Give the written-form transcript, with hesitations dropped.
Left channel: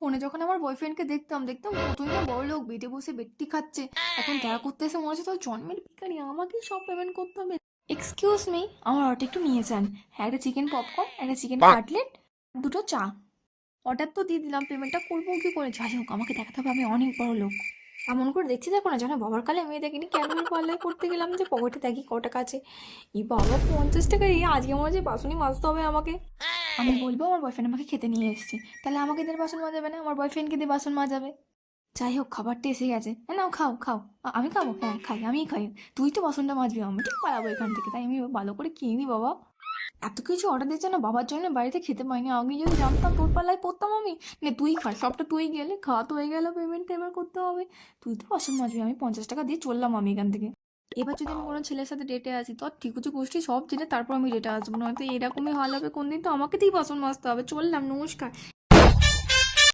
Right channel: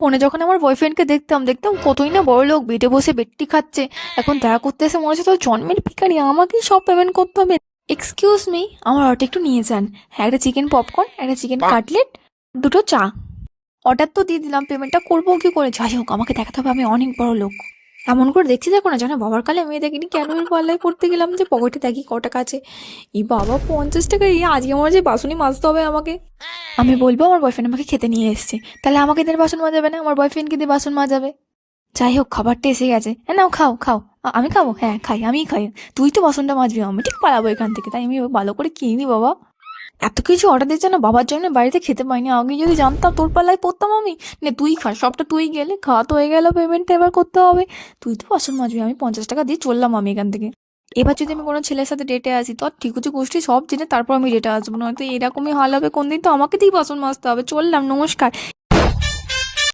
ফোনে যখন আমার বয়ফ্রেন্ডকে দেখতাম দেখতাম কতই না বড় লোক, বেডে বসে বেডটি খাচ্ছে। এখন দেখা করতে এসে মনে হচ্ছে তো জন্মের ভিখারি, আমাকেই সব পেমেন্ট করতে হবে। এক্সকিউজ মি, আমার অর্ডার একটু নিয়ে যান। হ্যাঁ, একটা চিকেন পপকর্ন, একটা চিকেন কাটলেট, দুটো চা। অর্ডার তো দিয়ে দিলাম, পেমেন্টটা করবো কি করে? যাই হোক, আমাকে দেখাতে হবে আমি অনেক বড় লোক। এমন করে দেখছি দেখো না, যেন বাবার কালে মেয়ে দেখিনি। কেন এর পাল্লায় পড়তে গেলাম যে পকেটে দেখি ক টাকা আছে। এই বাবা, 50 টাকা! এই আজকে আমার যে বাসনই মাজতে হবে আমাকে। আমি বলবো আমার বয়ফ্রেন্ড আমাকে খেতে নিয়ে এসেছে, তাহলে আমাকে দিয়ে বাসন মাজাবে না, আমার বয়ফ্রেন্ডকে দিয়ে বাসন মাজাবে। যাই হোক, খাবারটা এসে গেছে। হ্যাঁ, নাও খাও খাও। আমি খাবো? হ্যাঁ খাই, আমিই খাই। তুই তো বাসনটা মাজবি, আমি ঠিক পালাবো এখান থেকে। তাই আমি ভালো করে খেয়ে নি বাবা। এত কিছু অর্ডার দিচ্ছে না, বাবার জন্য বাড়িতে খেতে পাইনি। আগে যদি জানতাম তোর পাল্লায় পড়তাম আমি। নে তুই খা, সবটা তুই গেলে খাওয়া তো হয়ে গেল, পেমেন্টটা এবার করতে হবে। তুই তো বাসন মাজবি, আমি 50 টাকা দিয়ে চললাম আমি এখান থেকে। এবার যদি আমি কোনো ছেলের সাথে ডেটে আসি, তো ঠিকুচি গোষ্ঠী সব জেনে তারপর আমি ডেটে আসবো, নয়তো এরকমই হাল হবে কোনদিন। তো আমাকে দিয়েই বাসন মাজতে হবে। চললাম, নমস্কার।